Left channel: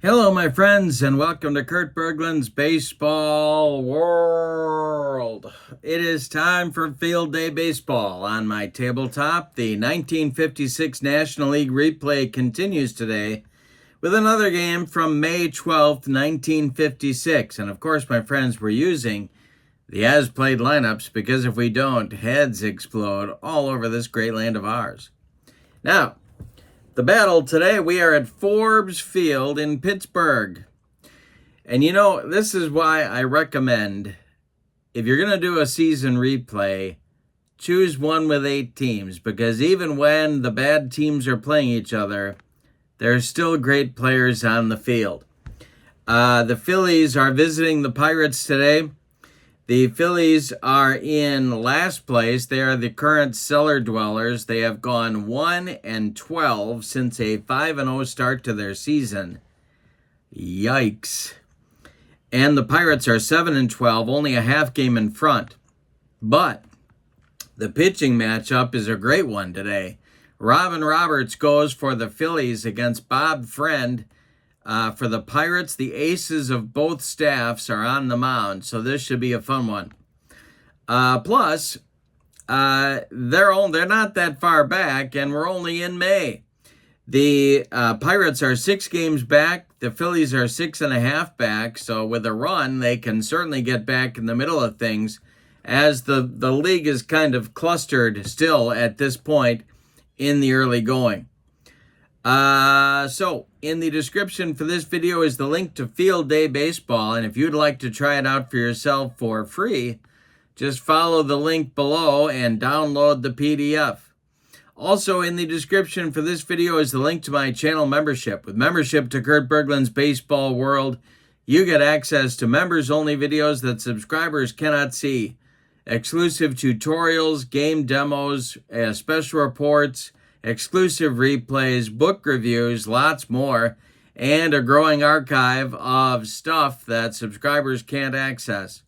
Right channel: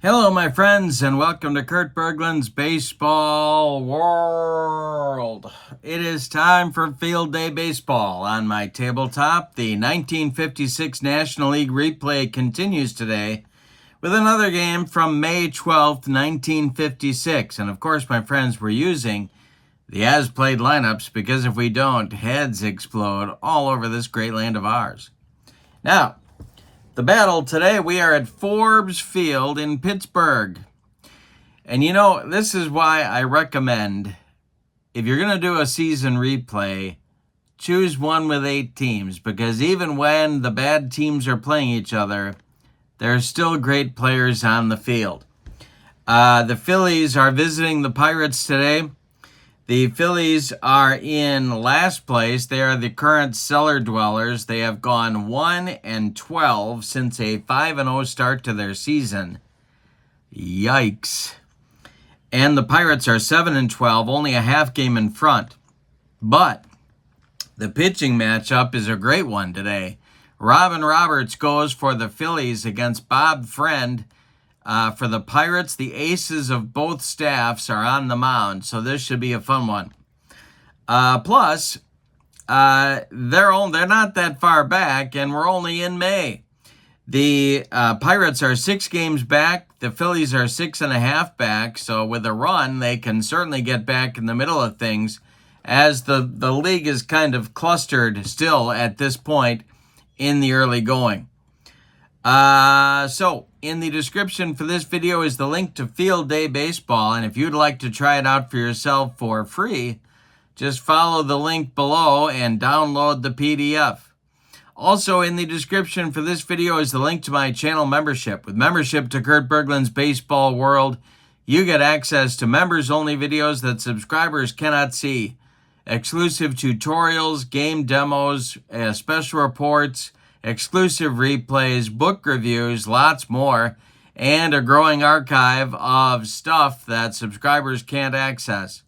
Hello, my friends, and welcome to Kurt Berglund's Baseball World. It is time for Field Day Baseball. On my tabletop, the 1956 National League replay continues today with another game from May 12th, 1956. And of course, my friends, we're using the as-played lineups because if we don't, heads explode all over this great land of ours. Now, the battle today, we are at Forbes Field in Pittsburgh. And you know, this is why I recommend, if you're going to do a season replay, choose one with 8 teams. Because even when the bad teams are playing each other, there's still great players on the field. The Phillies are visiting the Pirates today. The Phillies are in last place. They are the current cellar dwellers. They have gone 1-12 since a 5-0 start to their season. Yikes. And the Pirates are 7-12, only a half game in front. But the pitching matchup is a great one today. Robin Roberts goes for the Phillies against Bob Friend. For the Pirates, the aces of both staffs are on the mound, so this should be a fun one. Plus, they're not that far back, and we're only in May. The Pirates are 6 games back. The Phillies are 6.5 back, so with a run, they can certainly get back in the middle of things, as the league is kind of clustered still at this point in the early going. So in the description for this video is the link to Field Day Baseball, and if you'd like to try it out for yourself for free, just follow the link below and download the PDF. Also in the description for this video is the link to my channel membership. With membership to Kurt Berglund's Baseball World, you get access to members-only videos that subscribers cannot see, exclusive tutorials, game demos, special reports, exclusive replays, book reviews, lots more, and a growing archive of stuff that subscribers can't access.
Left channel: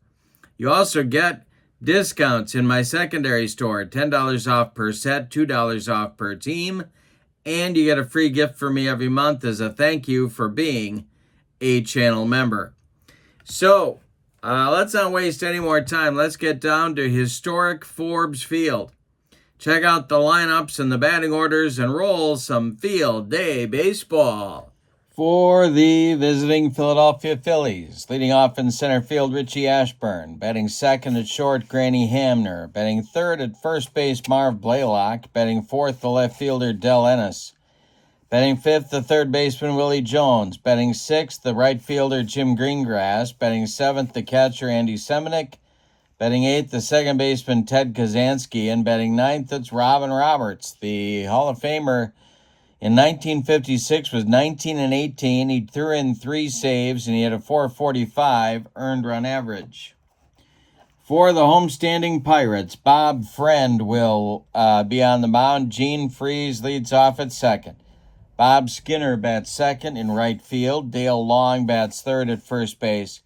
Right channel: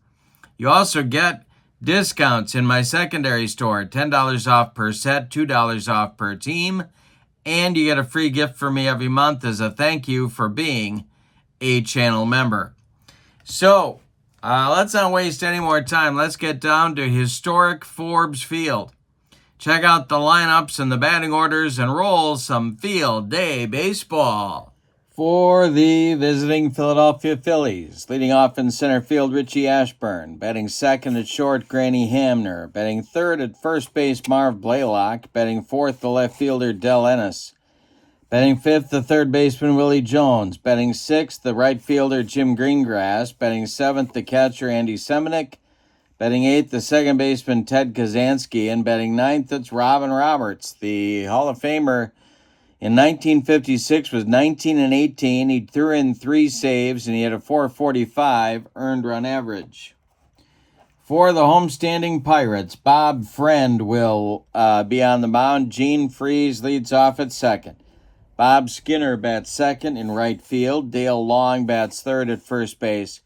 You also get discounts in my secondary store, $10 off per set, $2 off per team, and you get a free gift from me every month as a thank you for being a channel member. So, let's not waste any more time. Let's get down to historic Forbes Field. Check out the lineups and the batting orders and roll some Field Day Baseball. For the visiting Philadelphia Phillies, leading off in center field, Richie Ashburn. Batting second at short, Granny Hamner. Batting third at first base, Marv Blaylock. Batting fourth, the left fielder, Del Ennis. Batting fifth, the third baseman, Willie Jones. Batting sixth, the right fielder, Jim Greengrass. Batting seventh, the catcher, Andy Semenick. Batting eighth, the second baseman, Ted Kazansky. And batting ninth, it's Robin Roberts. The Hall of Famer in 1956 was 19-18. He threw in 3 saves, and he had a .445 earned run average. For the homestanding Pirates, Bob Friend will be on the mound. Gene Freese leads off at second. Bob Skinner bats second in right field. Dale Long bats third at first base.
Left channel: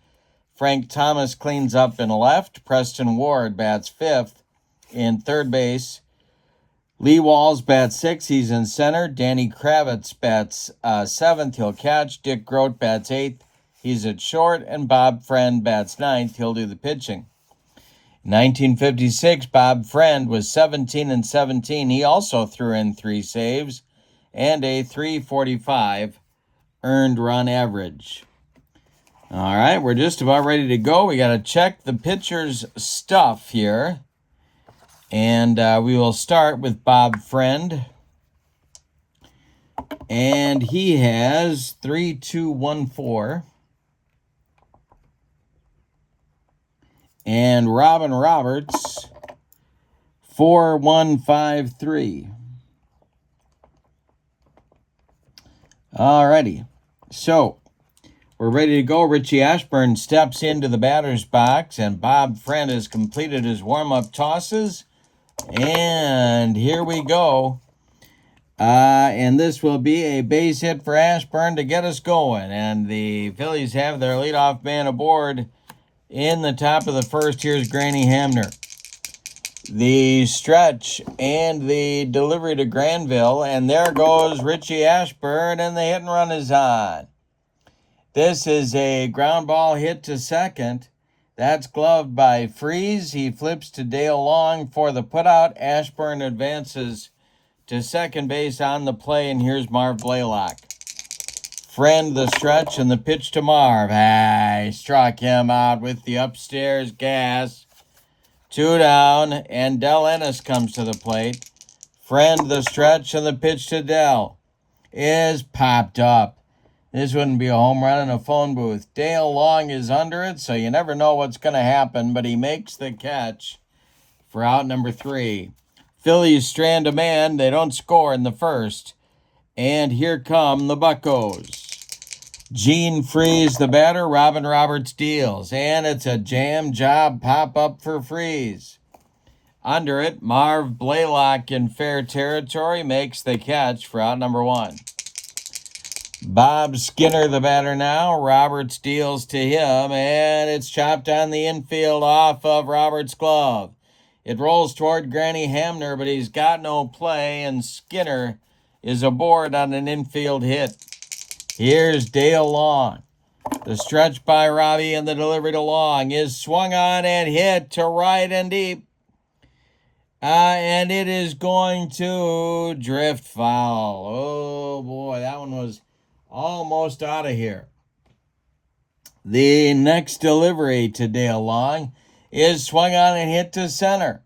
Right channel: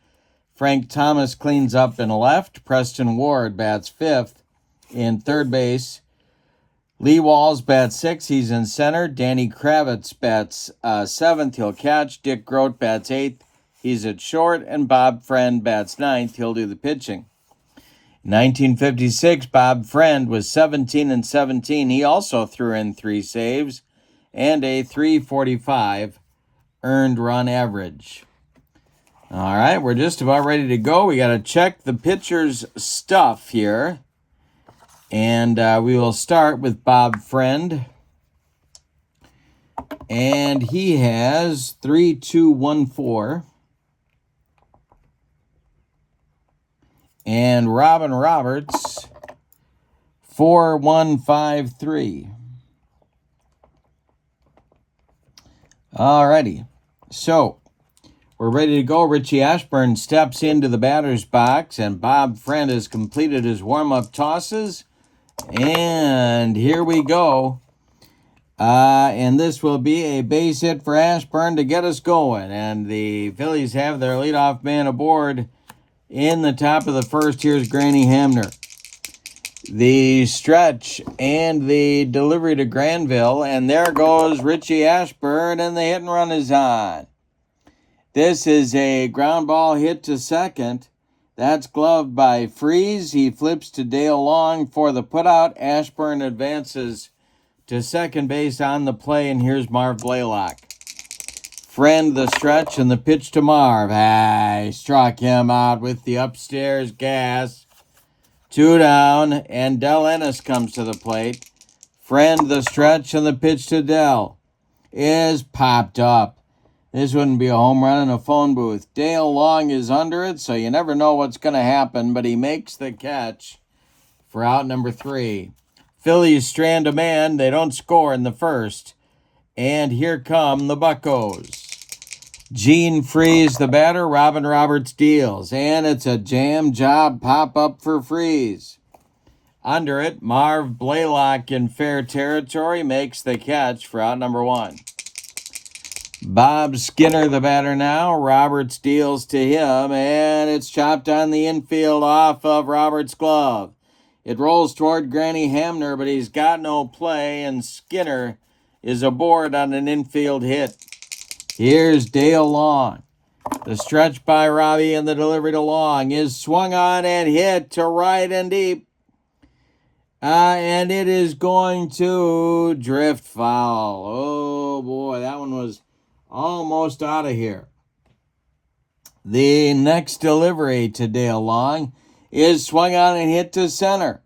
Frank Thomas cleans up in left. Preston Ward bats fifth in third base. Lee Walls bats sixth. He's in center. Danny Kravitz bats seventh. He'll catch. Dick Grote bats eighth. He's at short. And Bob Friend bats ninth. He'll do the pitching. In 1956, Bob Friend was 17-17. He also threw in 3 saves and a .345 earned run average. All right, we're just about ready to go. We got to check the pitcher's stuff here. And we will start with Bob Friend. And he has 3.214. And Robin Roberts, 4.153. All righty. So, we're ready to go. Richie Ashburn steps into the batter's box, and Bob Friend has completed his warm-up tosses. And here we go. And this will be a base hit for Ashburn to get us going. And the Phillies have their leadoff man aboard in the top of the first. Here's Granny Hamner. The stretch and the delivery to Granville. And there goes Richie Ashburn, and the hit and run is on. This is a ground ball hit to second. That's gloved by Freeze. He flips to Dale Long for the putout. Ashburn advances to second base on the play, and here's Marv Blaylock. Friend the stretch and the pitch to Marv. He struck him out with the upstairs gas. 2 down, and Del Ennis comes to the plate. Friend the stretch and the pitch to Del is popped up. This wouldn't be a home run in a phone booth. Dale Long is under it, so you never know what's going to happen, but he makes the catch for out number 3. Phillies strand a man. They don't score in the first. And here come the Buccos. Gene Freeze, the batter. Robin Roberts deals. And it's a jam job pop-up for Freeze. Under it, Marv Blaylock in fair territory makes the catch for out number 1. Bob Skinner, the batter now. Roberts deals to him, and it's chopped on the infield off of Roberts' glove. It rolls toward Granny Hamner, but he's got no play, and Skinner is aboard on an infield hit. Here's Dale Long. The stretch by Robbie and the delivery to Long is swung on and hit to right and deep. And it is going to drift foul. Oh, boy, that one was almost out of here. The next delivery to Dale Long is swung on and hit to center.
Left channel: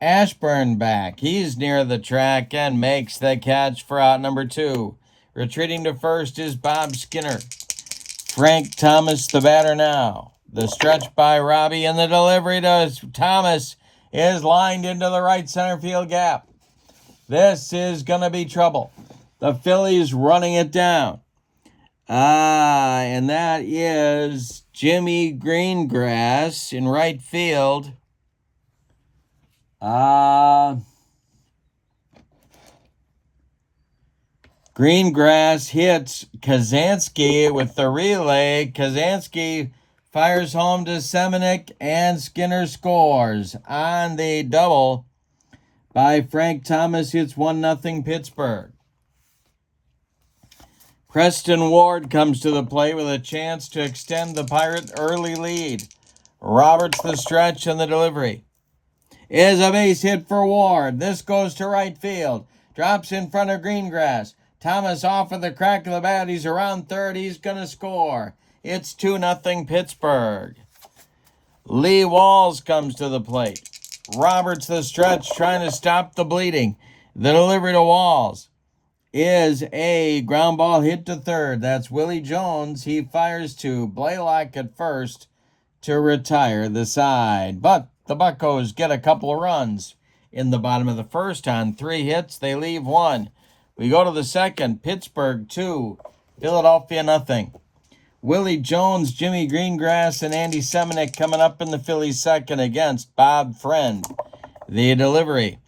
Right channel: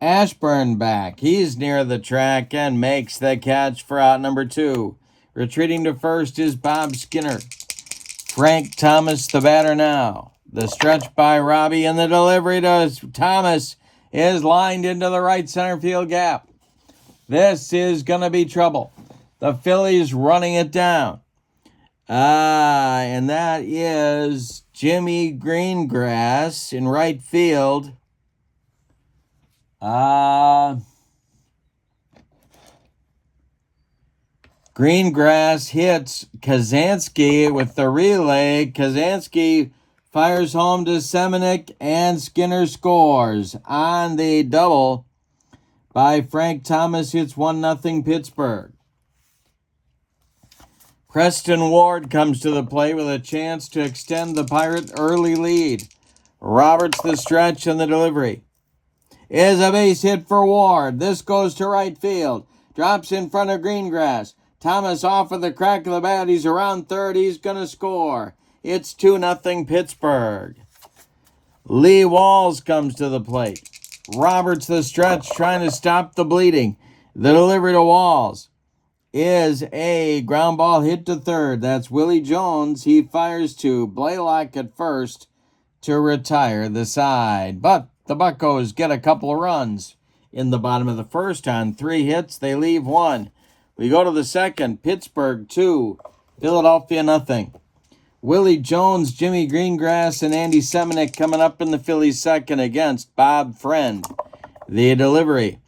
Ashburn back. He's near the track and makes the catch for out number 2. Retreating to first is Bob Skinner. Frank Thomas, the batter now. The stretch by Robbie and the delivery to Thomas is lined into the right center field gap. This is going to be trouble. The Phillies running it down. And that is Jimmy Greengrass in right field. Greengrass hits Kazansky with the relay. Kazansky fires home to Semenuk, and Skinner scores on the double by Frank Thomas. Hits 1-0 Pittsburgh. Preston Ward comes to the plate with a chance to extend the Pirate early lead. Roberts the stretch and the delivery is a base hit for Ward. This goes to right field. Drops in front of Greengrass. Thomas off with the crack of the bat. He's around third. He's going to score. It's 2-0 Pittsburgh. Lee Walls comes to the plate. Roberts the stretch trying to stop the bleeding. The delivery to Walls is a ground ball hit to third. That's Willie Jones. He fires to Blaylock at first to retire the side. But the Buccos get a couple of runs in the bottom of the first. On 3 hits, they leave 1. We go to the second. Pittsburgh 2, Philadelphia 0. Willie Jones, Jimmy Greengrass, and Andy Semenuk coming up in the Phillies second against Bob Friend. The delivery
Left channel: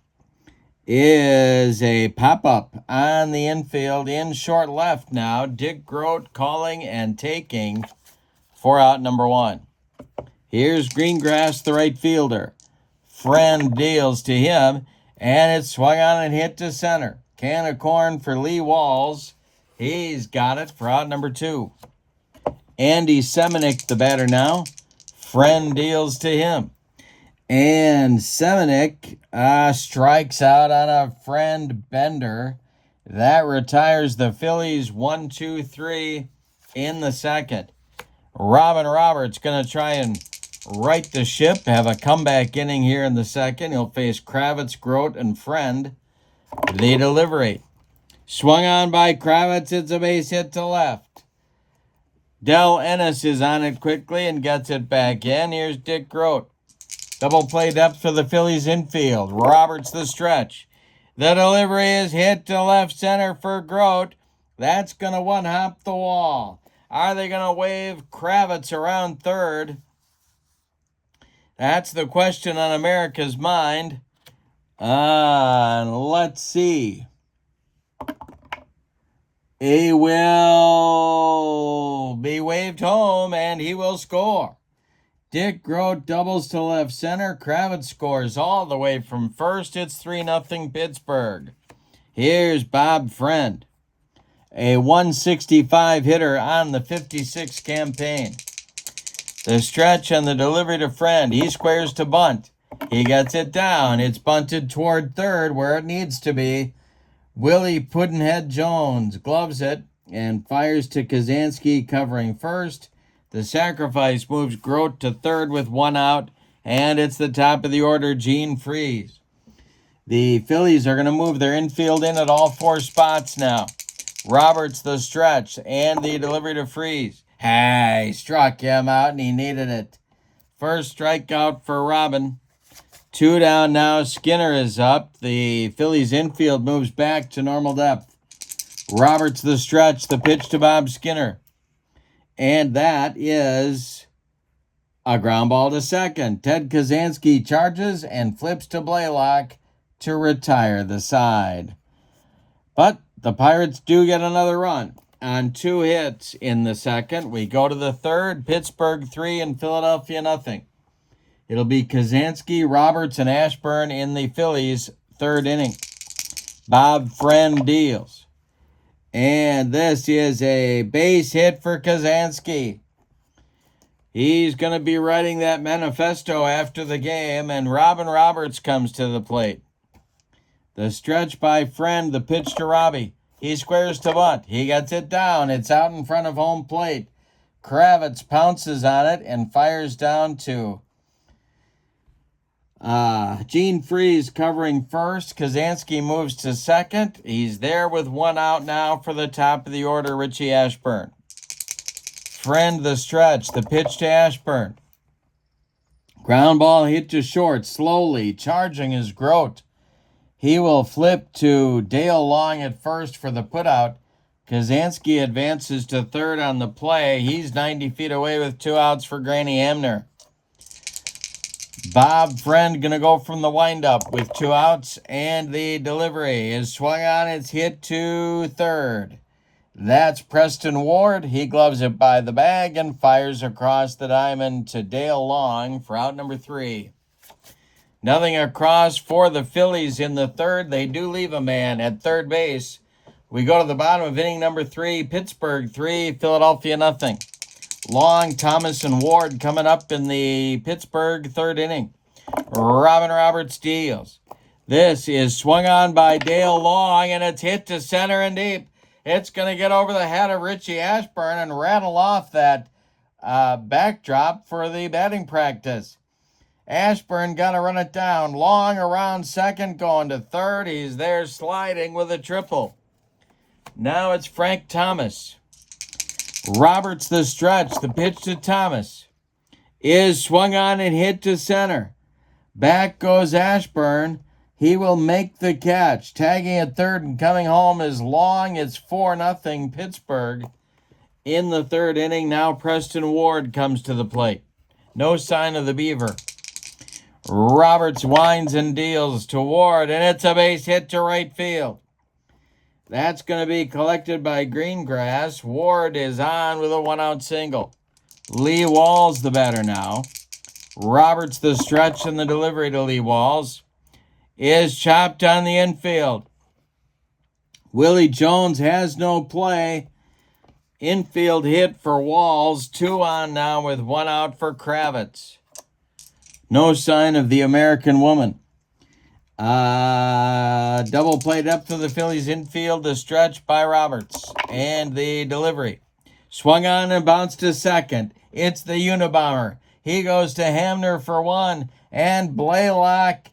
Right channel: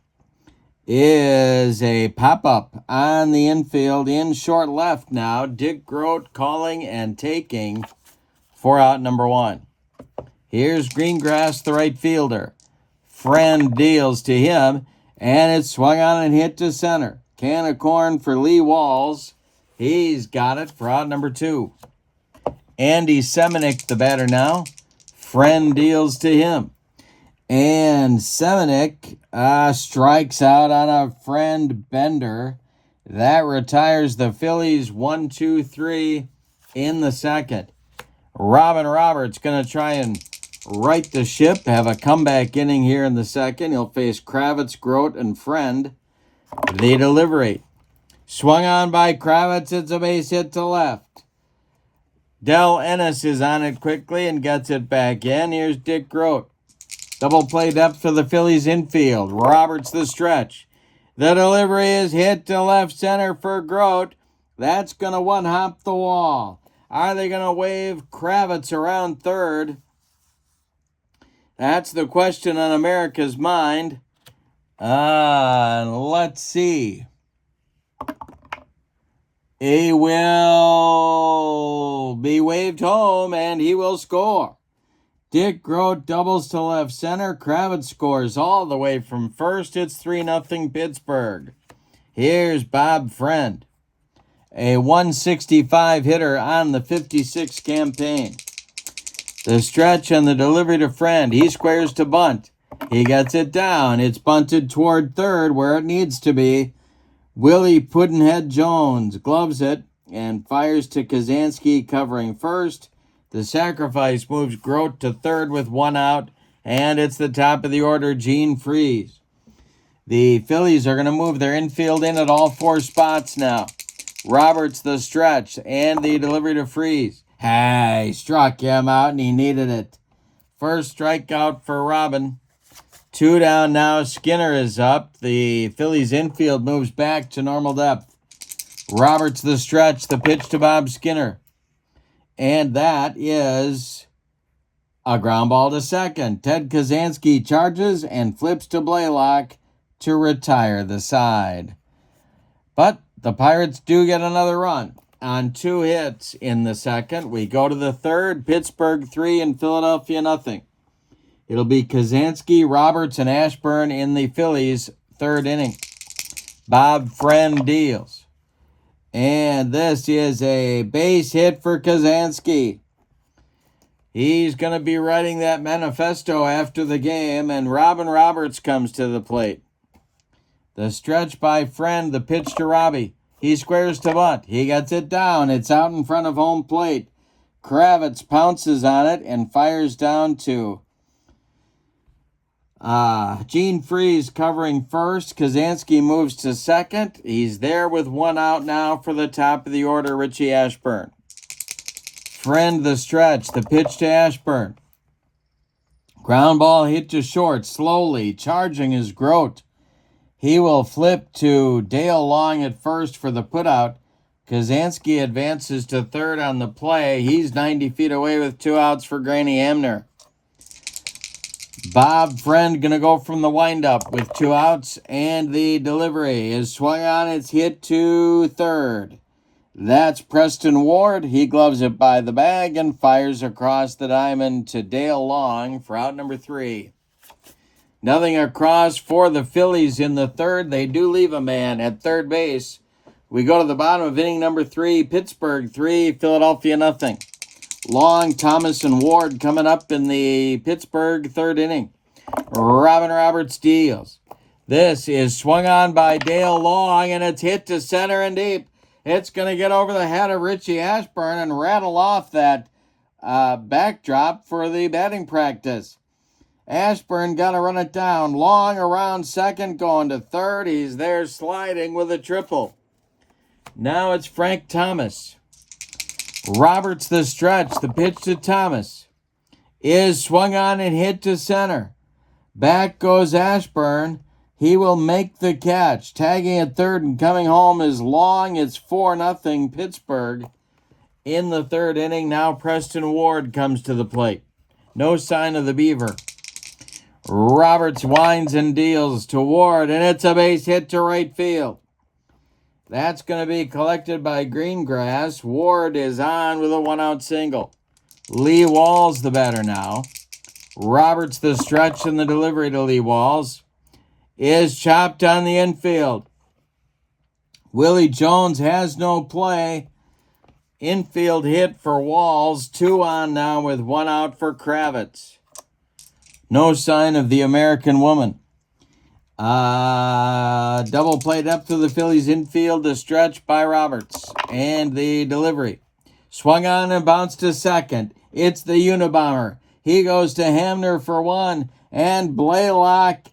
is a pop-up on the infield in short left now. Dick Grote calling and taking for out number 1. Here's Greengrass, the right fielder. Friend deals to him, and it's swung on and hit to center. Can of corn for Lee Walls. He's got it for out number 2. Andy Semenuk, the batter now. Friend deals to him. And Semenuk strikes out on a Friend bender. That retires the Phillies 1-2-3 in the second. Robin Roberts going to try and right the ship, have a comeback inning here in the second. He'll face Kravitz, Grote, and Friend. The delivery. Swung on by Kravitz. It's a base hit to left. Del Ennis is on it quickly and gets it back in. Here's Dick Grote. Double play depth for the Phillies infield. Roberts the stretch. The delivery is hit to left center for Grote. That's going to one-hop the wall. Are they going to wave Kravitz around third? That's the question on America's mind. Let's see. He will be waved home, and he will score. Dick Grote doubles to left center. Kravitz scores all the way from first. It's 3-0 Pittsburgh. Here's Bob Friend. a 165 hitter on the 56 campaign. The stretch and the delivery to Friend. He squares to bunt. He gets it down. It's bunted toward third where it needs to be. Willie Puddinhead Jones gloves it and fires to Kazansky covering first. The sacrifice moves Grote to third with one out, and it's the top of the order, Gene Freese. The Phillies are going to move their infield in at all four spots now. Roberts the stretch and the delivery to Freese. Hey, struck him out and he needed it. First strikeout for Robin. 2 down now. Skinner is up. The Phillies infield moves back to normal depth. Roberts the stretch, the pitch to Bob Skinner. And that is a ground ball to second. Ted Kazansky charges and flips to Blaylock to retire the side. But the Pirates do get another run on 2 hits in the second. We go to the third. Pittsburgh 3 and Philadelphia nothing. It'll be Kazansky, Roberts, and Ashburn in the Phillies' third inning. Bob Friend deals. And this is a base hit for Kazansky. He's going to be writing that manifesto after the game, and Robin Roberts comes to the plate. The stretch by Friend, the pitch to Robbie. He squares to bunt. He gets it down. It's out in front of home plate. Kravitz pounces on it and fires down to Gene Freese covering first. Kazansky moves to second. He's there with one out now for the top of the order, Richie Ashburn. Friend the stretch, the pitch to Ashburn. Ground ball hit to short, slowly, charging is Grote. He will flip to Dale Long at first for the putout. Kazansky advances to third on the play. He's 90 feet away with 2 outs for Granny Hamner. Bob Friend going to go from the windup with 2 outs, and the delivery is swung on. It's hit to third. That's Preston Ward. He gloves it by the bag and fires across the diamond to Dale Long for out number 3. Nothing across for the Phillies in the third. They do leave a man at third base. We go to the bottom of inning number 3. Pittsburgh 3, Philadelphia nothing. Long, Thomas, and Ward coming up in the Pittsburgh third inning. Robin Roberts deals. This is swung on by Dale Long, and it's hit to center and deep. It's going to get over the head of Richie Ashburn and rattle off that backdrop for the batting practice. Ashburn got to run it down. Long around second, going to third. He's there sliding with a triple. Now it's Frank Thomas. Roberts the stretch, the pitch to Thomas is swung on and hit to center. Back goes Ashburn. He will make the catch. Tagging at third and coming home is Long. It's 4-0 Pittsburgh. In the third inning, now Preston Ward comes to the plate. No sign of the Beaver. Roberts winds and deals to Ward, and it's a base hit to right field. That's going to be collected by Greengrass. Ward is on with a 1-out single. Lee Walls the batter now. Roberts the stretch and the delivery to Lee Walls is chopped on the infield. Willie Jones has no play. Infield hit for Walls. 2 on now with 1 out for Kravitz. No sign of the American woman. Double play up to the Phillies infield, the stretch by Roberts. And the delivery. Swung on and bounced to second. It's the Unabomber. He goes to Hamner for 1. And Blaylock,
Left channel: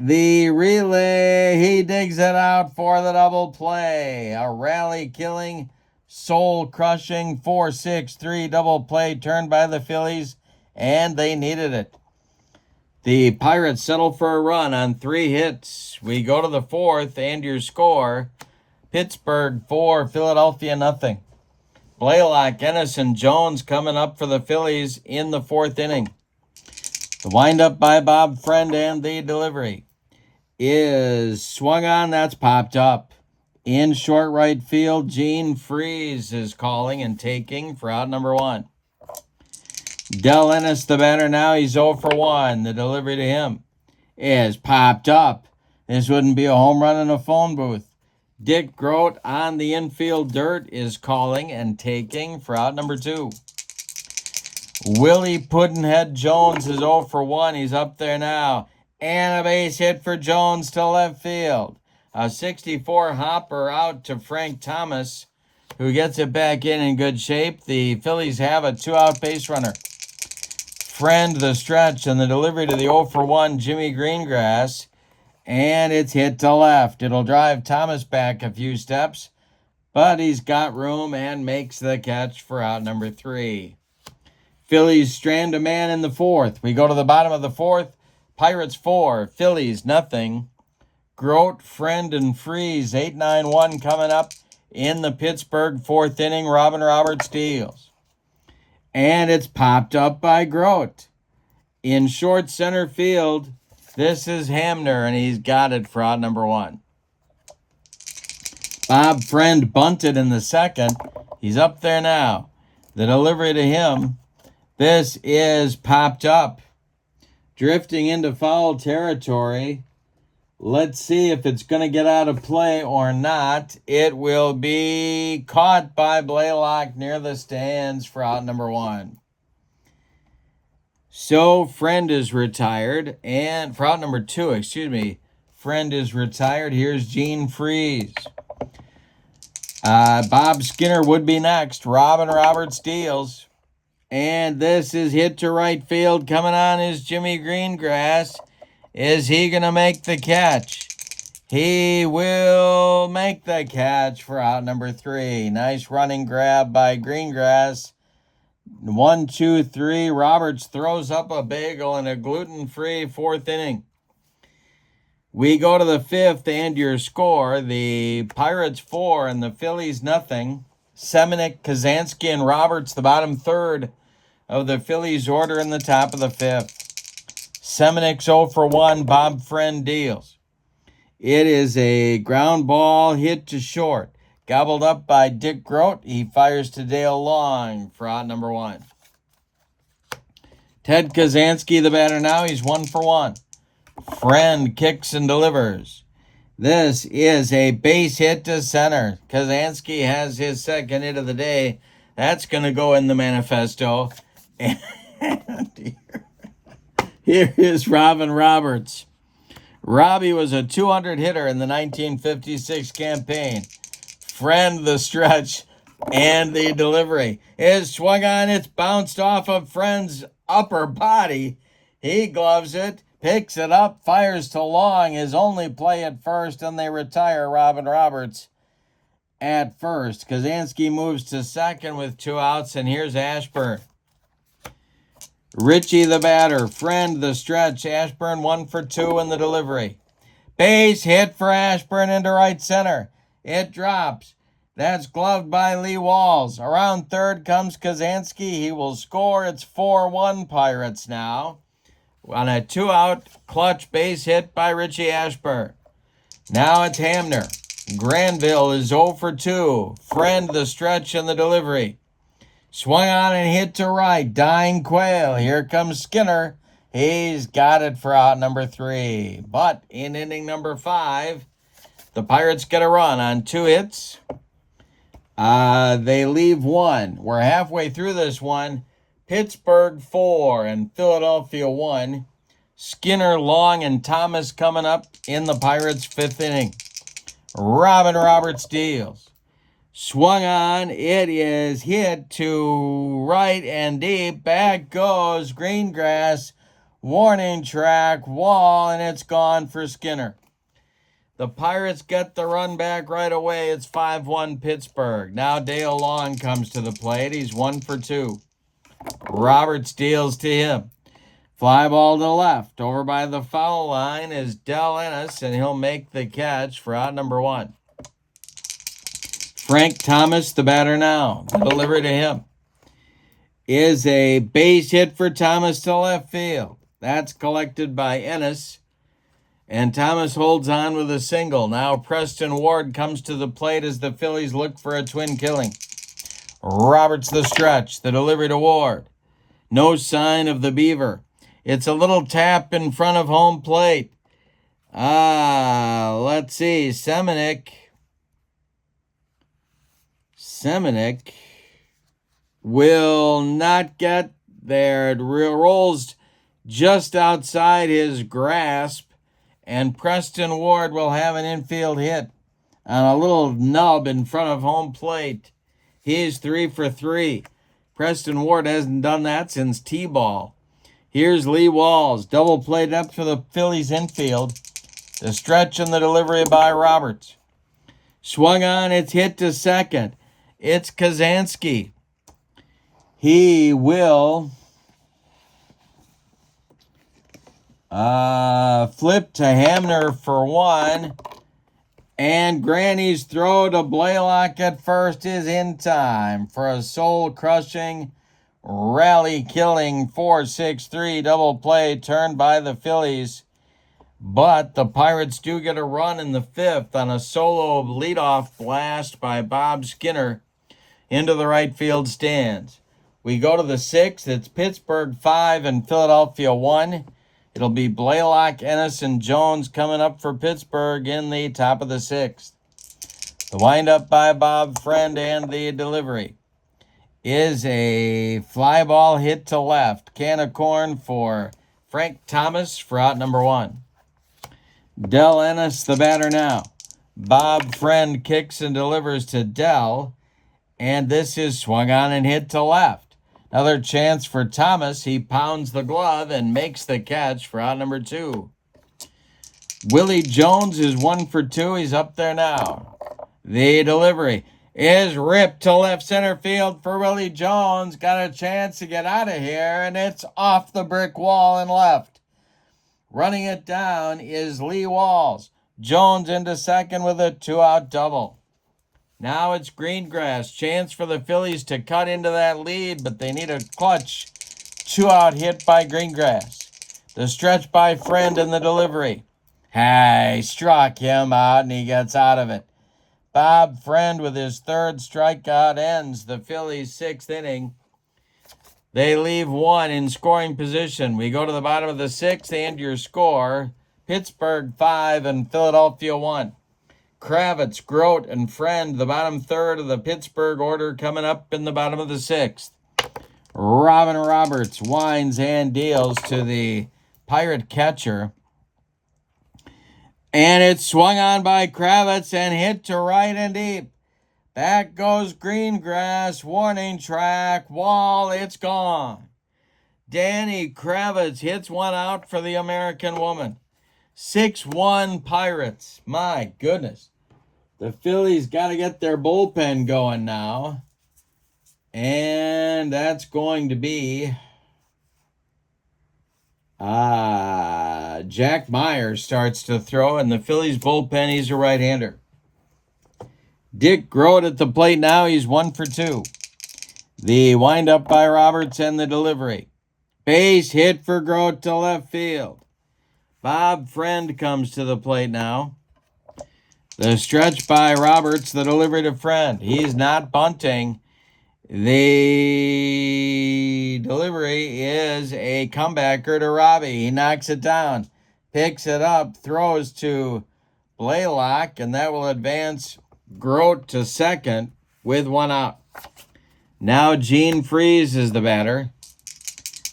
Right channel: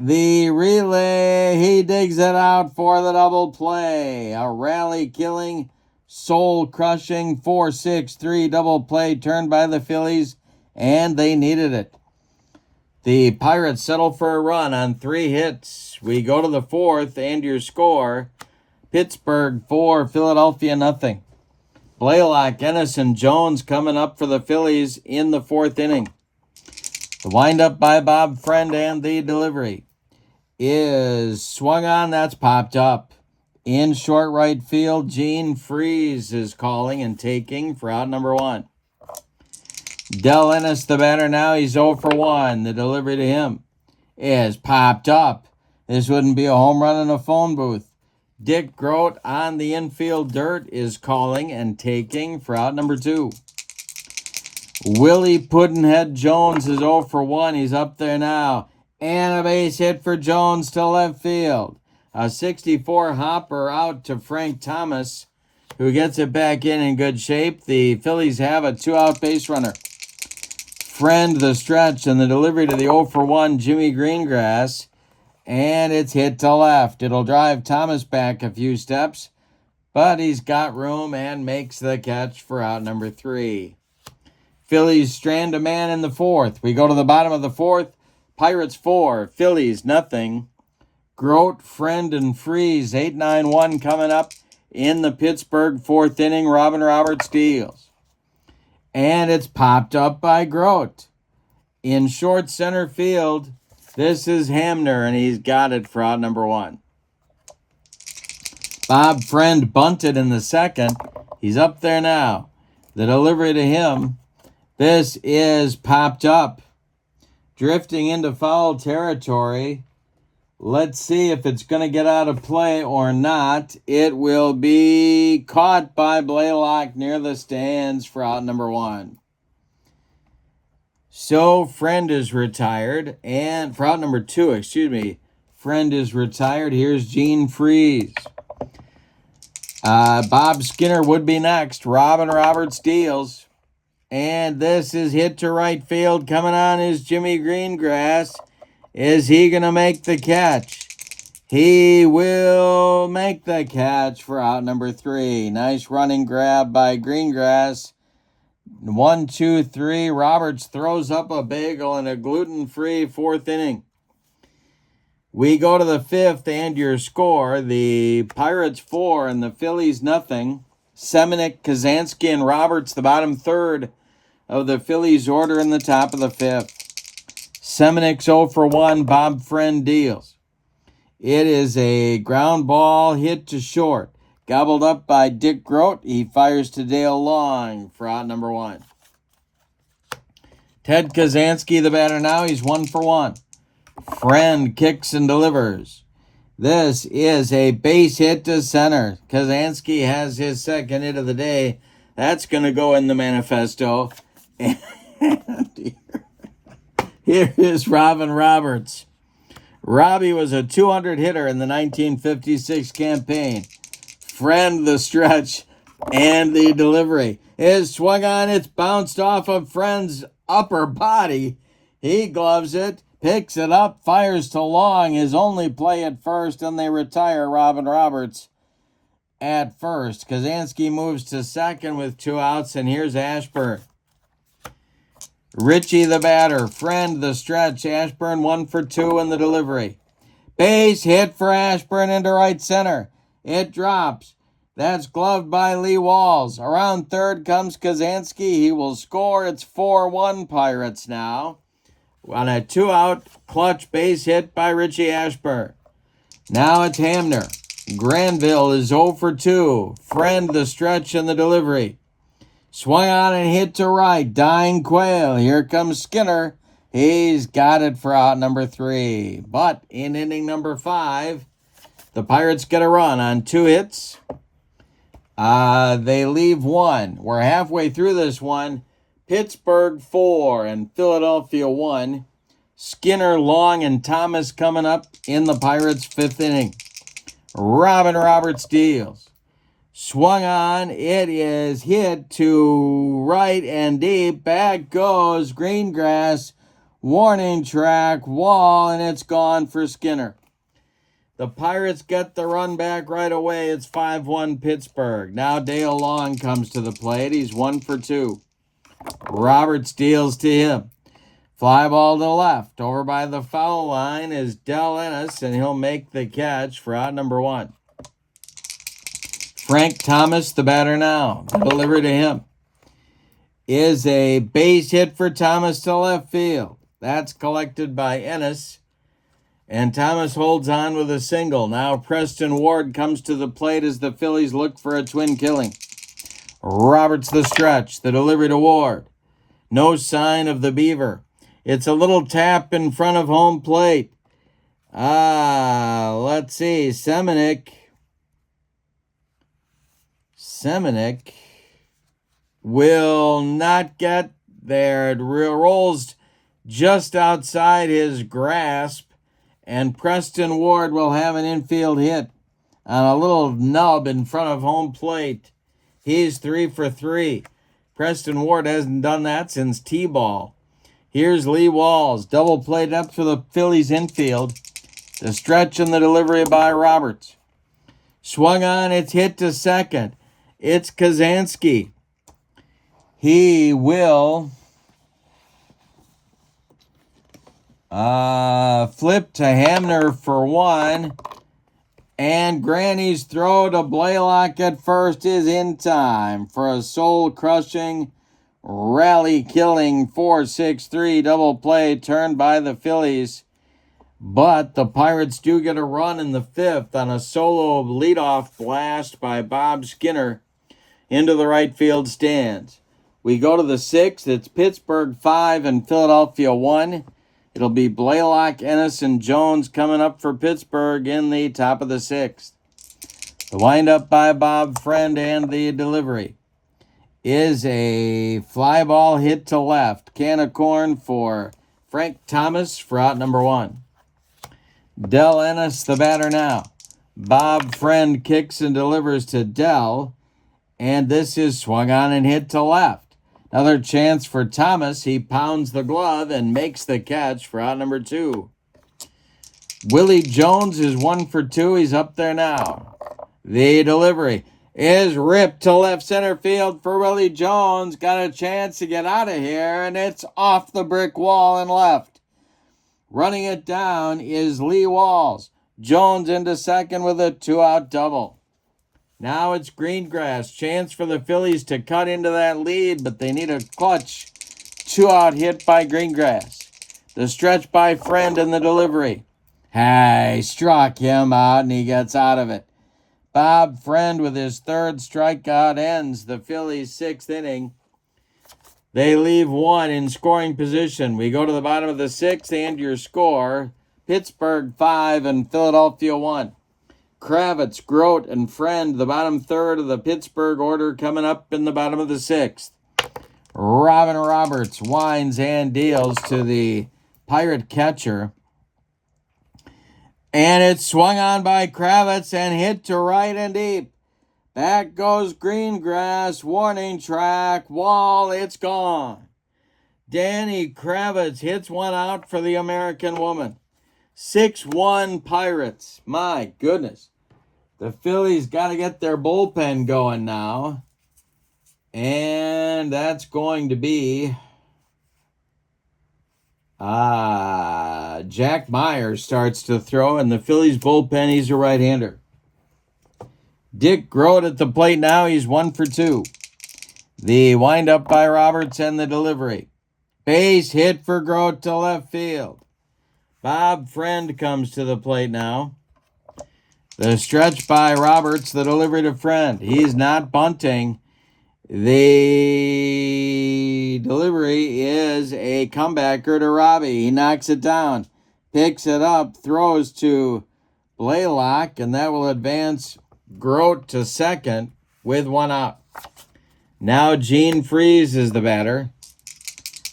the relay. He digs it out for the double play. A rally-killing, soul-crushing 4-6-3 double play turned by the Phillies. And they needed it. The Pirates settle for a run on 3 hits. We go to the fourth, and your score, Pittsburgh 4, Philadelphia nothing. Blaylock, Ennis, and Jones coming up for the Phillies in the 4th inning. The windup by Bob Friend and the delivery is swung on. That's popped up. In short right field, Gene Freese is calling and taking for out number 1. Del Ennis, the batter now. He's 0 for 1. The delivery to him is popped up. This wouldn't be a home run in a phone booth. Dick Grote on the infield dirt is calling and taking for out number 2. Willie Puddinhead Jones is 0 for 1. He's up there now. And a base hit for Jones to left field. A 64 hopper out to Frank Thomas, who gets it back in good shape. The Phillies have a 2-out base runner. Friend the stretch and the delivery to the 0 for 1 Jimmy Greengrass. And it's hit to left. It'll drive Thomas back a few steps, but he's got room and makes the catch for out number 3. Phillies strand a man in the 4th. We go to the bottom of the 4th. Pirates 4, Phillies nothing. Grote, Friend, and Freeze, 8-9-1 coming up in the Pittsburgh 4th inning. Robin Roberts deals. And it's popped up by Grote. In short center field, this is Hamner, and he's got it for out number 1. Bob Friend bunted in the 2nd. He's up there now. The delivery to him. This is popped up. Drifting into foul territory. Let's see if it's going to get out of play or not. It will be caught by Blaylock near the stands for out number 1. So Friend is retired, and for out number 2, Friend is retired. Here's Gene Freeze. Bob Skinner would be next. Robin Roberts deals. And this is hit to right field. Coming on is Jimmy Greengrass. Is he going to make the catch? He will make the catch for out number 3. Nice running grab by Greengrass. 1, 2, 3. Roberts throws up a bagel in a gluten-free 4th inning. We go to the 5th, and your score, the Pirates 4 and the Phillies nothing. Semenuk, Kazansky, and Roberts, the bottom 3rd of the Phillies order in the top of the 5th. Semenuk's 0 for 1, Bob Friend deals. It is a ground ball hit to short. Gobbled up by Dick Grote. He fires to Dale Long for out number 1. Ted Kazansky, the batter now. He's 1 for 1. Friend kicks and delivers. This is a base hit to center. Kazansky has his 2nd hit of the day. That's going to go in the manifesto. And here is Robin Roberts. Robbie was a 200 hitter in the 1956 campaign. Friend the stretch and the delivery is swung on. It's bounced off of Friend's upper body. He gloves it, picks it up, fires to Long. His only play at first, and they retire Robin Roberts at first. Kazansky moves to 2nd with 2 outs, and here's Ashburn. Richie the batter. Friend the stretch. Ashburn 1 for 2 in the delivery. Base hit for Ashburn into right center. It drops. That's gloved by Lee Walls. Around 3rd comes Kazansky. He will score. It's 4-1 Pirates now. On a 2-out clutch base hit by Richie Ashburn. Now it's Hamner. Granville is 0 for 2. Friend the stretch and the delivery. Swung on and hit to right. Dying Quail. Here comes Skinner. He's got it for out number 3. But in inning number 5, the Pirates get a run on 2 hits. They leave 1. We're halfway through this one. Pittsburgh 4 and Philadelphia 1. Skinner, Long, and Thomas coming up in the Pirates' 5th inning. Robin Roberts deals. Swung on. It is hit to right and deep. Back goes Greengrass. Warning track, wall, and it's gone for Skinner. The Pirates get the run back right away. It's 5-1 Pittsburgh. Now Dale Long comes to the plate. He's 1 for 2. Roberts deals to him. Fly ball to left. Over by the foul line is Del Ennis, and he'll make the catch for out number 1. Frank Thomas, the batter now. The delivery to him is a base hit for Thomas to left field. That's collected by Ennis. And Thomas holds on with a single. Now Preston Ward comes to the plate as the Phillies look for a twin killing. Roberts the stretch. The delivery to Ward. No sign of the Beaver. It's a little tap in front of home plate. Let's see. Semenuk Semenuk will not get there. It rolls just outside his grasp, and Preston Ward will have an infield hit on a little nub in front of home plate. He's 3 for 3. Preston Ward hasn't done that since T-ball. Here's Lee Walls, double played up for the Phillies infield. The stretch and the delivery by Roberts. Swung on, it's hit to second. It's Kazansky. He will flip to Hamner for 1. And Granny's throw to Blaylock at first is in time for a soul-crushing, rally-killing 4-6-3 double play turned by the Phillies. But the Pirates do get a run in the 5th on a solo leadoff blast by Bob Skinner into the right field stands. We go to the 6th. It's Pittsburgh 5 and Philadelphia 1. It'll be Blaylock, Ennis, and Jones coming up for Pittsburgh in the top of the 6th. The windup by Bob Friend and the delivery is a fly ball hit to left. Can of corn for Frank Thomas for out number 1. Del Ennis, the batter now. Bob Friend kicks and delivers to Del, and this is swung on and hit to left. Another chance for Thomas. He pounds the glove and makes the catch for out number 2. Willie Jones is 1 for 2. He's up there now. The delivery is ripped to left center field for Willie Jones. Got a chance to get out of here, and it's off the brick wall and left. Running it down is Lee Walls. Jones into second with a 2-out double. Now it's Greengrass. Chance for the Phillies to cut into that lead, but they need a clutch 2-out hit by Greengrass. The stretch by Friend and the delivery. Hey, struck him out, and he gets out of it. Bob Friend with his 3rd strikeout ends the Phillies' 6th inning. They leave 1 in scoring position. We go to the bottom of the 6th and your score. Pittsburgh 5 and Philadelphia 1. Kravitz, Grote, and Friend, the bottom 3rd of the Pittsburgh order coming up in the bottom of the 6th. Robin Roberts winds and deals to the Pirate catcher. And it's swung on by Kravitz and hit to right and deep. Back goes Greengrass, warning track, wall, it's gone. Danny Kravitz hits one out for the American woman. 6-1 Pirates. My goodness. The Phillies got to get their bullpen going now. And that's going to be Jack Myers starts to throw. And the Phillies bullpen, he's a right-hander. Dick Grote at the plate now. He's 1 for 2. The windup by Roberts and the delivery. Base hit for Grote to left field. Bob Friend comes to the plate now. The stretch by Roberts, the delivery to Friend. He's not bunting. The delivery is a comebacker to Robbie. He knocks it down, picks it up, throws to Blaylock, and that will advance Grote to second with 1 out. Now Gene Freeze is the batter.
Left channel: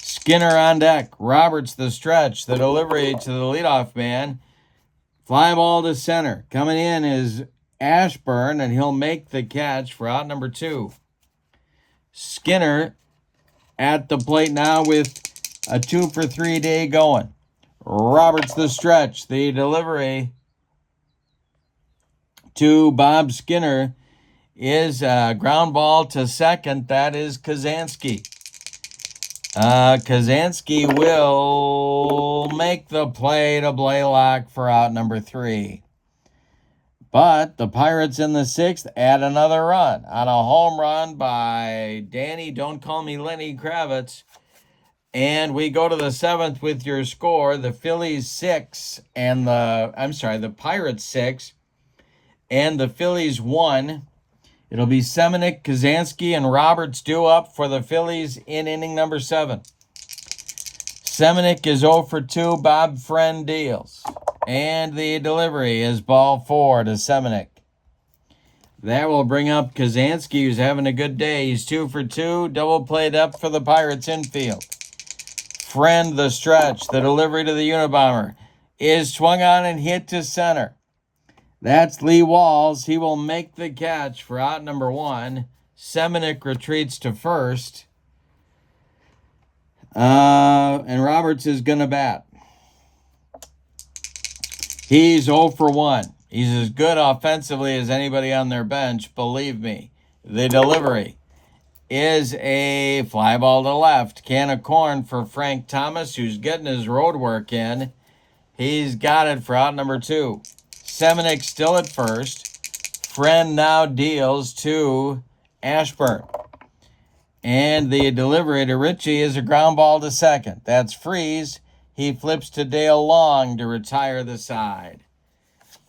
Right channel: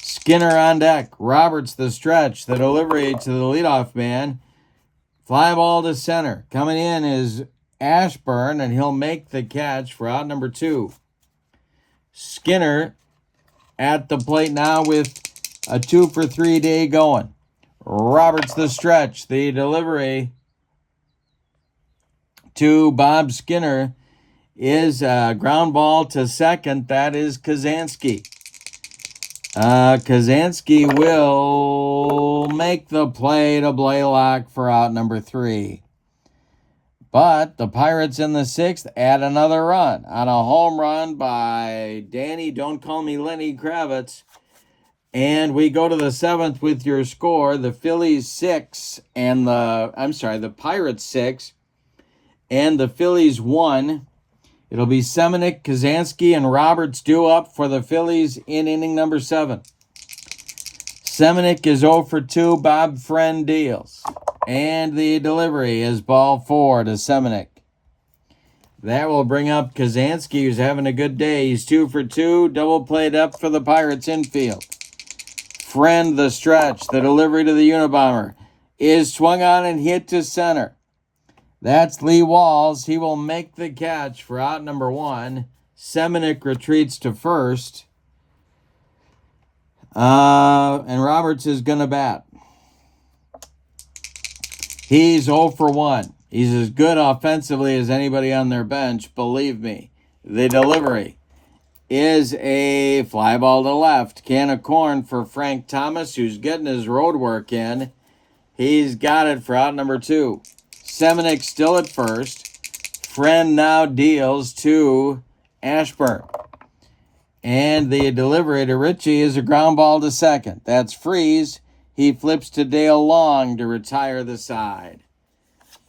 Skinner on deck. Roberts the stretch. The delivery to the leadoff man. Fly ball to center. Coming in is Ashburn, and he'll make the catch for out number 2. Skinner at the plate now with a 2 for 3 day going. Roberts the stretch. The delivery to Bob Skinner is a ground ball to second. That is Kazansky. Kazansky will make the play to Blaylock for out number 3. But the Pirates in the 6th add another run on a home run by Danny, don't call me Lenny Kravitz. And we go to the 7th with your score. The Phillies 6 and the Pirates 6 and the Phillies 1. It'll be Semenuk, Kazansky, and Roberts due up for the Phillies in inning number 7. Semenuk is 0 for 2. Bob Friend deals. And the delivery is ball 4 to Semenuk. That will bring up Kazansky, who's having a good day. He's 2 for 2. Double played up for the Pirates infield. Friend, the stretch. The delivery to the Unabomber is swung on and hit to center. That's Lee Walls. He will make the catch for out number 1. Semenuk retreats to first. And Roberts is going to bat. He's 0 for 1. He's as good offensively as anybody on their bench, believe me. The delivery is a fly ball to left. Can of corn for Frank Thomas, who's getting his road work in. He's got it for out number 2. Semenuk still at first. Friend now deals to Ashburn. And the delivery to Ritchie is a ground ball to second. That's Freeze. He flips to Dale Long to retire the side.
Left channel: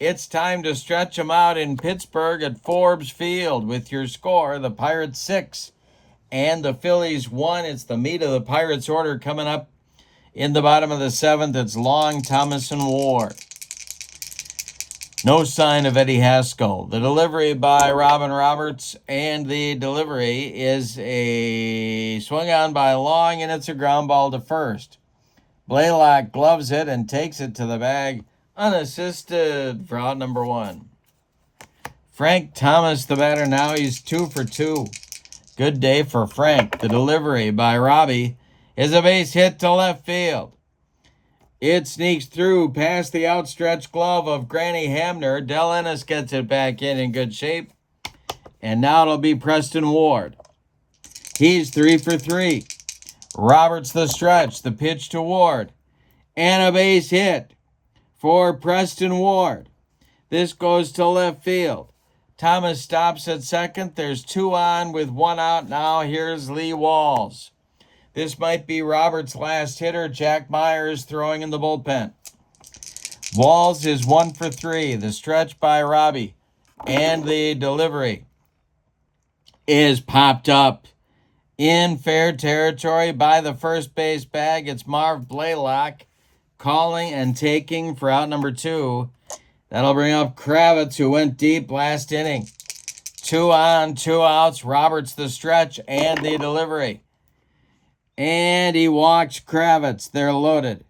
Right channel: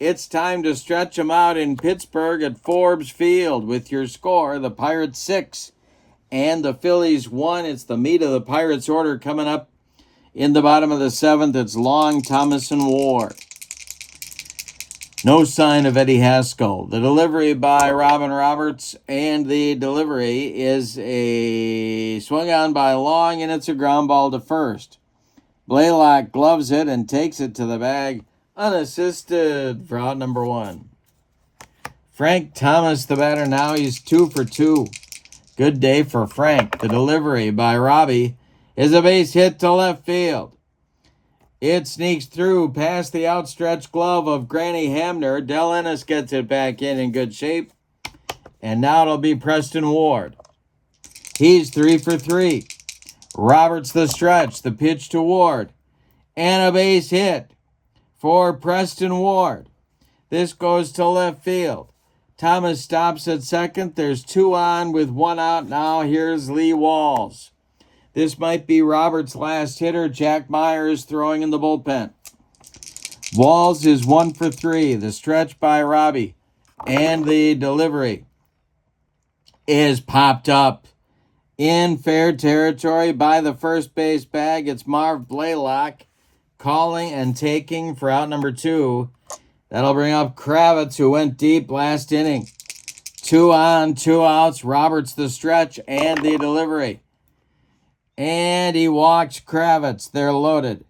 It's time to stretch them out in Pittsburgh at Forbes Field with your score, the Pirates 6 and the Phillies 1. It's the meat of the Pirates order coming up in the bottom of the 7th. It's Long, Thomas, and Ward. No sign of Eddie Haskell. The delivery by Robin Roberts, and the delivery is a swung on by Long, and it's a ground ball to first. Blaylock gloves it and takes it to the bag unassisted for out number 1. Frank Thomas, the batter now. He's 2 for 2. Good day for Frank. The delivery by Robbie is a base hit to left field. It sneaks through past the outstretched glove of Granny Hamner. Del Ennis gets it back in good shape. And now it'll be Preston Ward. He's 3 for 3. Roberts the stretch. The pitch to Ward. And a base hit for Preston Ward. This goes to left field. Thomas stops at second. There's 2 on with 1 out now. Here's Lee Walls. This might be Roberts' last hitter. Jack Myers throwing in the bullpen. Walls is 1 for 3. The stretch by Robbie. And the delivery is popped up in fair territory by the first base bag. It's Marv Blaylock calling and taking for out number 2. That'll bring up Kravitz, who went deep last inning. 2 on, 2 outs. Roberts the stretch and the delivery. And he walked Kravitz. They're loaded.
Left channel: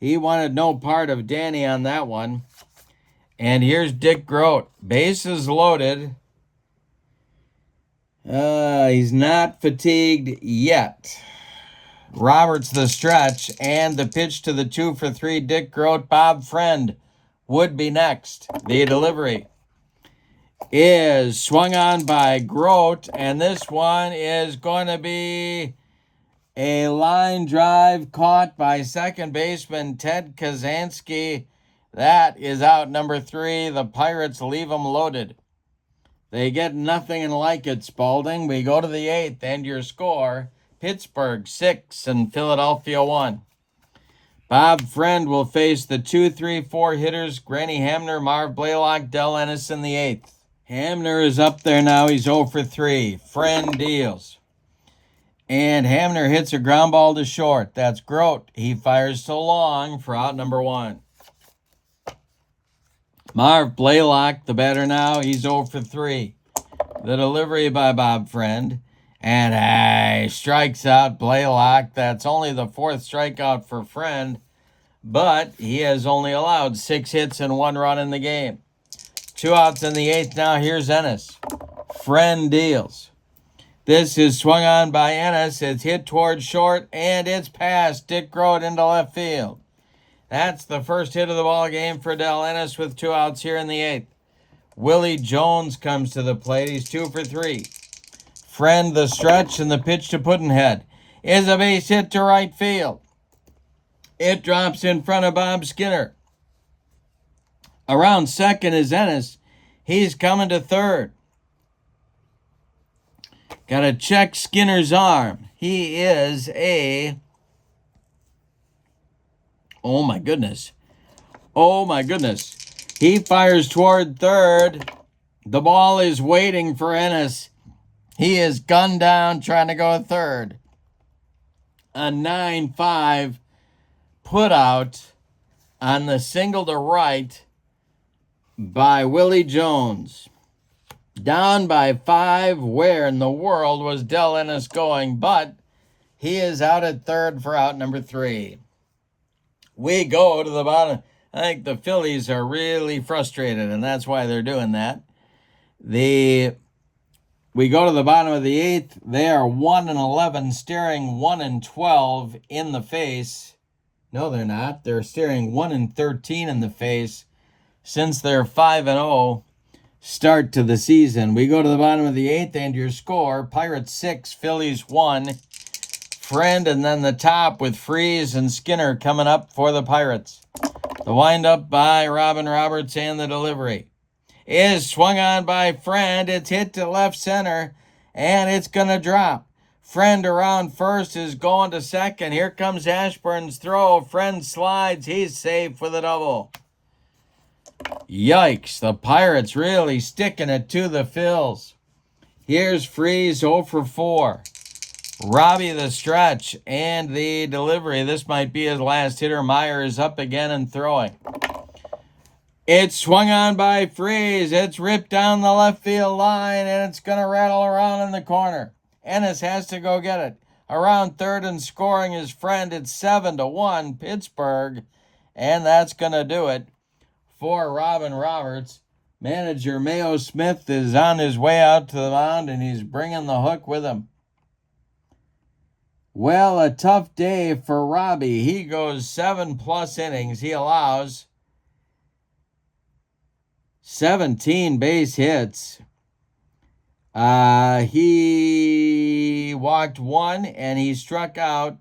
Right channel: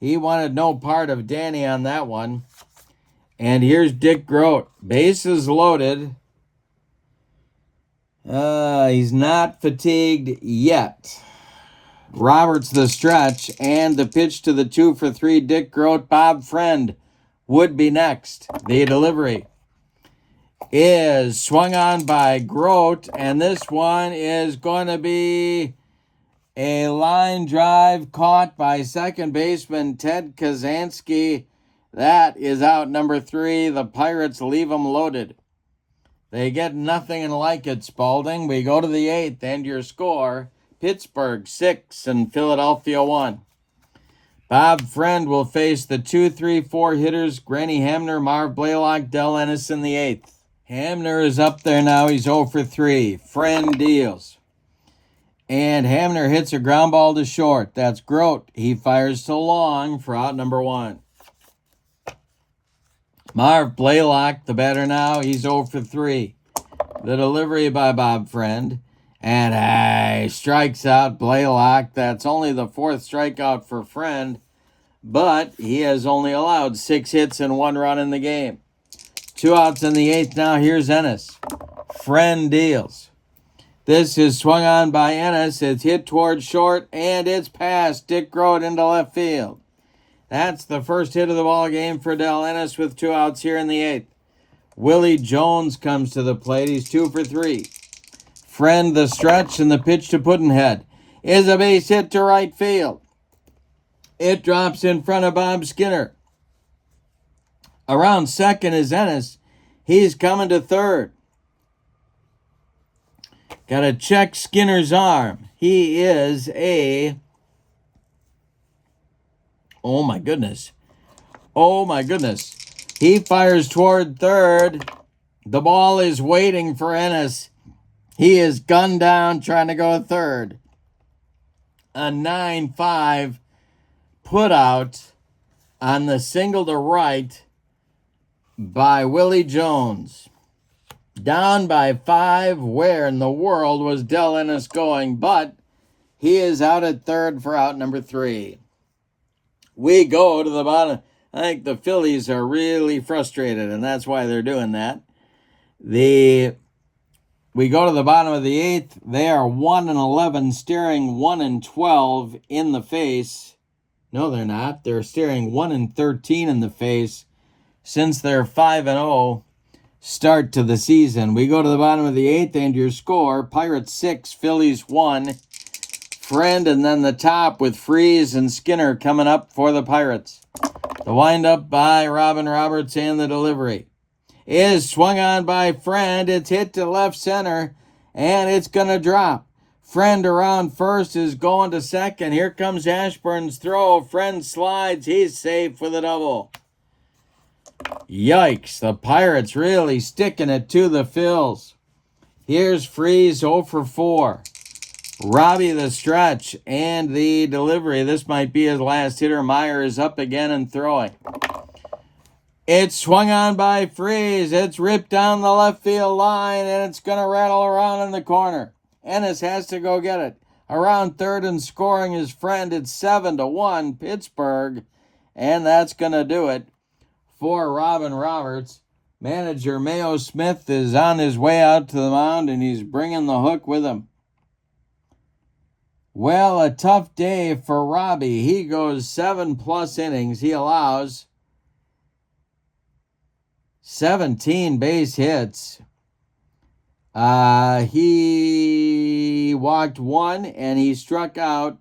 He wanted no part of Danny on that one. And here's Dick Grote. Bases loaded. He's not fatigued yet. Roberts the stretch and the pitch to the 2 for 3. Dick Grote. Bob Friend would be next. The delivery is swung on by Grote. And this one is going to be a line drive caught by second baseman Ted Kazansky. That is out number 3. The Pirates leave them loaded. They get nothing like it, Spalding. We go to the 8th, and your score, Pittsburgh 6 and Philadelphia 1. Bob Friend will face the 2, 3, 4 hitters, Granny Hamner, Marv Blaylock, Del Ennis in the 8th. Hamner is up there now. He's 0 for 3. Friend deals. And Hamner hits a ground ball to short. That's Grote. He fires to Long for out number 1. Marv Blaylock, the batter now. He's 0 for 3. The delivery by Bob Friend. And he strikes out Blaylock. That's only the 4th strikeout for Friend. But he has only allowed 6 hits and 1 run in the game. 2 outs in the 8th now. Here's Ennis. Friend deals. This is swung on by Ennis. It's hit towards short, and it's past Dick Grote into left field. That's the first hit of the ball game for Del Ennis with 2 outs here in the 8th. Willie Jones comes to the plate. He's 2 for 3. Friend the stretch, and the pitch to Pudd'nhead is a base hit to right field. It drops in front of Bob Skinner. Around second is Ennis. He's coming to third. Got to check Skinner's arm. He is a... Oh, my goodness. Oh, my goodness. He fires toward third. The ball is waiting for Ennis. He is gunned down trying to go third. A 9-5 put out on the single to right by Willie Jones. Down by 5. Where in the world was Del Ennis going? But he is out at third for out number 3. We go to the bottom. I think the Phillies are really frustrated, and that's why they're doing that. We go to the bottom of the 8th. They are 1-11, staring 1-12 in the face. No, they're not. They're staring 1-13 in the face since their 5-0 start to the season. We go to the bottom of the 8th, and your score: Pirates 6, Phillies 1. Friend, and then the top with Freeze and Skinner coming up for the Pirates. The windup by Robin Roberts, and the delivery is swung on by Friend. It's hit to left center, and it's going to drop. Friend around first is going to second. Here comes Ashburn's throw. Friend slides. He's safe with a double. Yikes, the Pirates really sticking it to the Phils. Here's Freeze 0 for 4. Robbie the stretch and the delivery. This might be his last hitter. Meyer is up again and throwing. It's swung on by Freeze. It's ripped down the left field line, and it's going to rattle around in the corner. Ennis has to go get it. Around third and scoring his Friend. It's 7-1 Pittsburgh, and that's going to do it for Robin Roberts. Manager Mayo Smith is on his way out to the mound, and he's bringing the hook with him. Well, a tough day for Robbie. He goes 7+ innings. He allows 17 base hits. He walked 1 and he struck out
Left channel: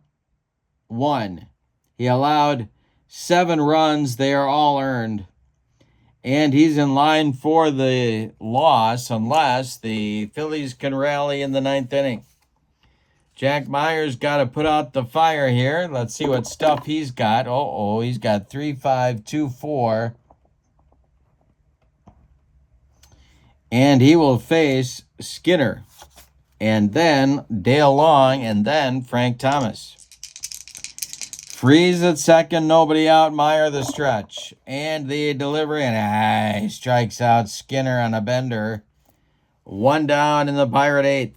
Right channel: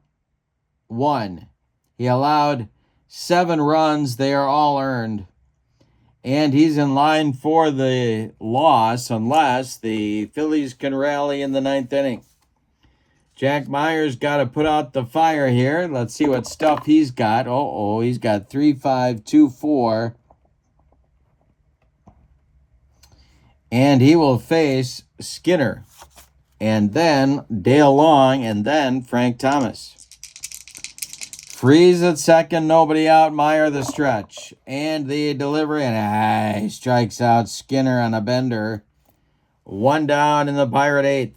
1. He allowed 7 runs. They are all earned. And he's in line for the loss unless the Phillies can rally in the 9th inning. Jack Meyer's got to put out the fire here. Let's see what stuff he's got. He's got 3-5, 2-4. And he will face Skinner. And then Dale Long. And then Frank Thomas. Freeze at second. Nobody out. Meyer the stretch. And the delivery. And he strikes out Skinner on a bender. 1 down in the Pirate 8th.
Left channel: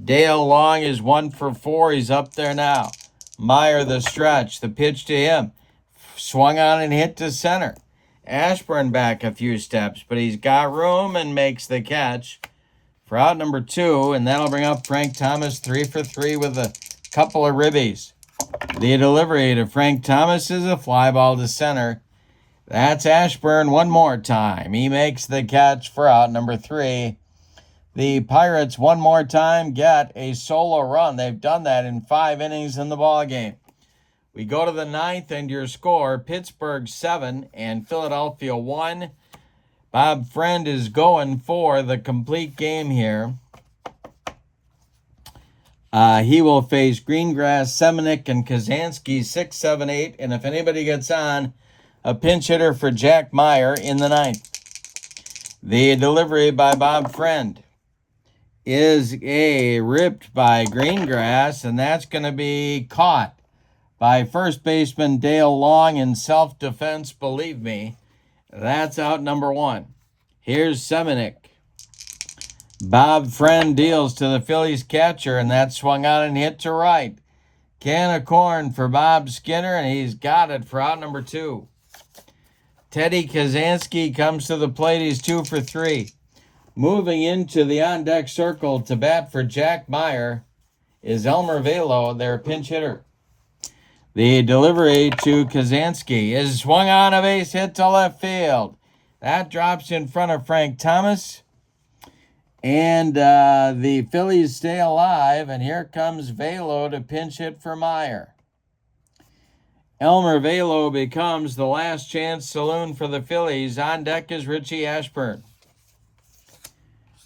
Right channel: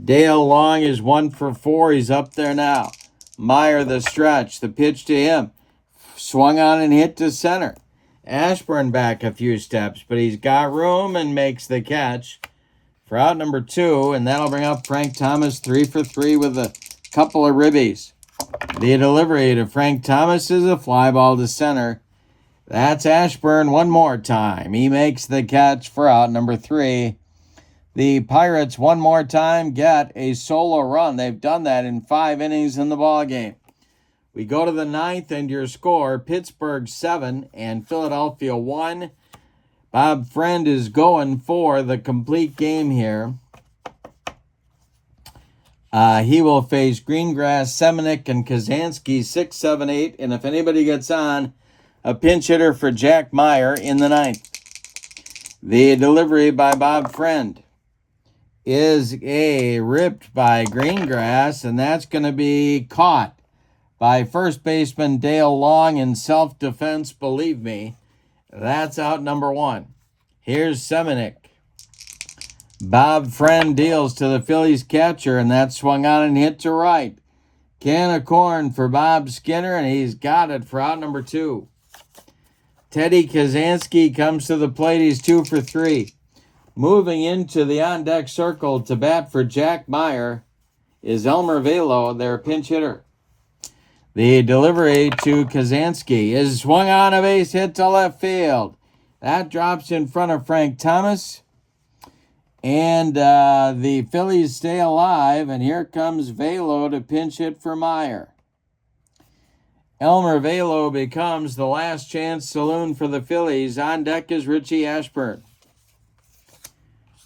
Dale Long is 1 for 4. He's up there now. Meyer the stretch. The pitch to him. Swung on and hit to center. Ashburn back a few steps, but he's got room and makes the catch for out number 2, and that'll bring up Frank Thomas 3 for 3 with a couple of ribbies. The delivery to Frank Thomas is a fly ball to center. That's Ashburn one more time. He makes the catch for out number 3. The Pirates one more time get a solo run. They've done that in 5 innings in the ballgame. We go to the 9th, and your score: Pittsburgh 7 and Philadelphia 1. Bob Friend is going for the complete game here. He will face Greengrass, Semenick, and Kazansky 6, 7, 8. And if anybody gets on, a pinch hitter for Jack Meyer in the 9th. The delivery by Bob Friend is ripped by Greengrass, and that's going to be caught by first baseman Dale Long in self-defense. Believe me, that's out number 1. Here's Semenick. Bob Friend deals to the Phillies catcher, and that swung on and hit to right. Can of corn for Bob Skinner, and he's got it for out number 2. Teddy Kazansky comes to the plate. He's 2 for 3. Moving into the on-deck circle to bat for Jack Meyer is Elmer Velo, their pinch hitter. The delivery to Kazansky is swung on, a base hit to left field. That drops in front of Frank Thomas. And the Phillies stay alive, and here comes Velo to pinch hit for Meyer. Elmer Velo becomes the last chance saloon for the Phillies. On deck is Richie Ashburn.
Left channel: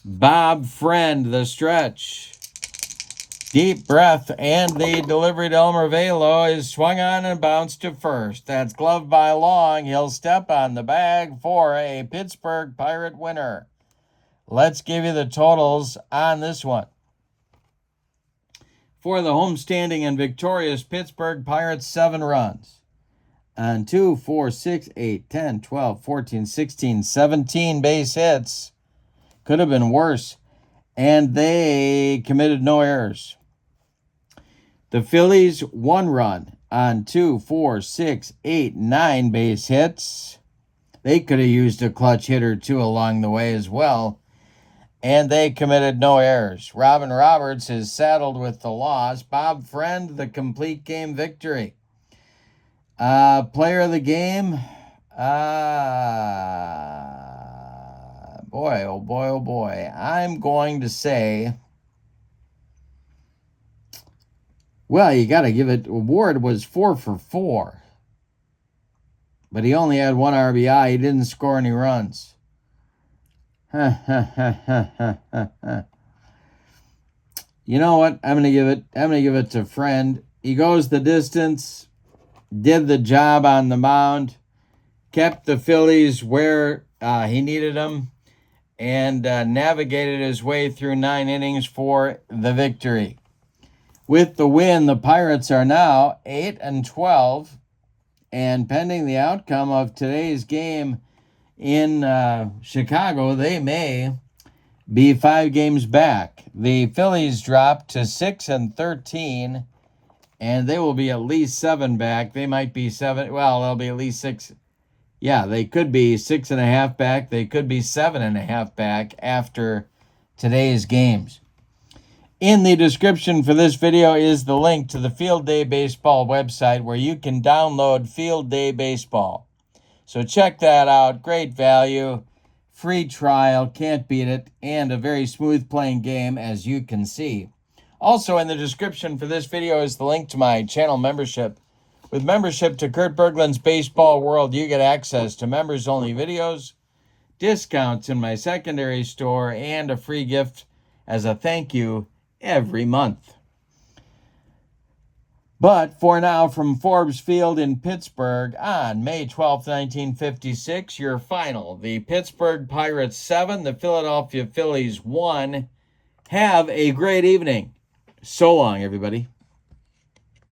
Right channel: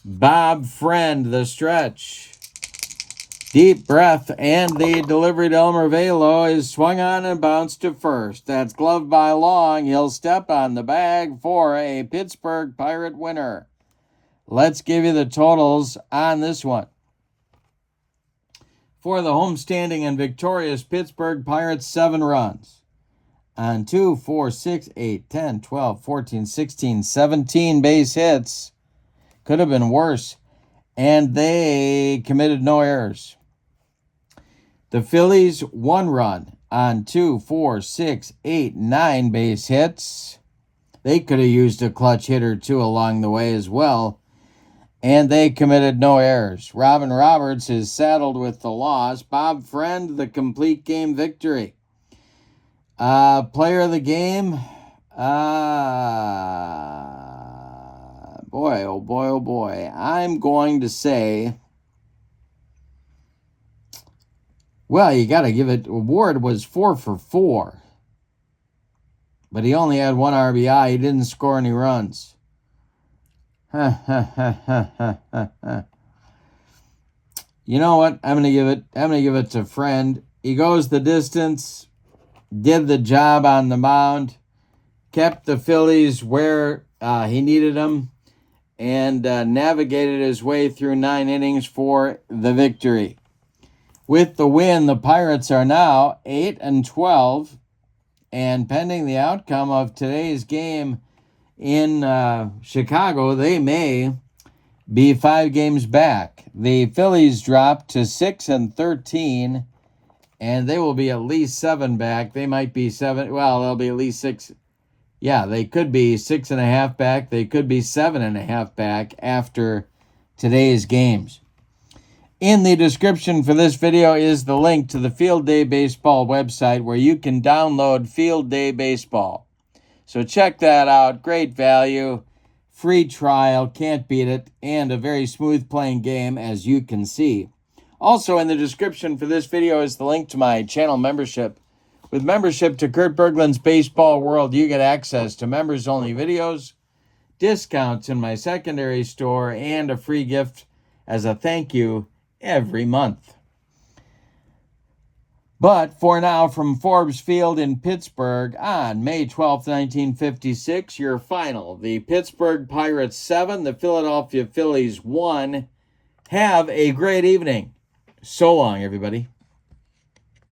Bob Friend, the stretch. Deep breath, and the delivery to Elmer Velo is swung on and bounced to first. That's gloved by Long. He'll step on the bag for a Pittsburgh Pirate winner. Let's give you the totals on this one. For the homestanding and victorious Pittsburgh Pirates, 7 runs. On 2, 4, 6, 8, 10, 12, 14, 16, 17 base hits Could have been worse. And they committed no errors. The Phillies, 1 run on 2, 4, 6, 8, 9 base hits. They could have used a clutch hit or two along the way as well. And they committed no errors. Robin Roberts is saddled with the loss. Bob Friend, the complete game victory. Player of the game. Boy, oh boy, oh boy. I'm going to say, well, you got to give it, Ward was 4 for 4. But he only had 1 RBI. He didn't score any runs. You know what? I'm gonna give it to Friend. He goes the distance, did the job on the mound, kept the Phillies where he needed them, and navigated his way through 9 innings for the victory. With the win, the Pirates are now 8-12, and pending the outcome of today's game in Chicago, they may be 5 games back. The Phillies dropped to 6-13, and they will be at least 7 back. They might be 7. Well, they'll be at least 6. Yeah, they could be 6.5 back. They could be 7.5 back after today's games. In the description for this video is the link to the Field Day Baseball website where you can download Field Day Baseball. So check that out. Great value, free trial, can't beat it, and a very smooth playing game, as you can see. Also in the description for this video is the link to my channel membership. With membership to Kurt Berglund's Baseball World, you get access to members-only videos, discounts in my secondary store, and a free gift as a thank you every month. But for now, from Forbes Field in Pittsburgh on May 12, 1956, your final. The Pittsburgh Pirates 7, the Philadelphia Phillies 1. Have a great evening. So long, everybody.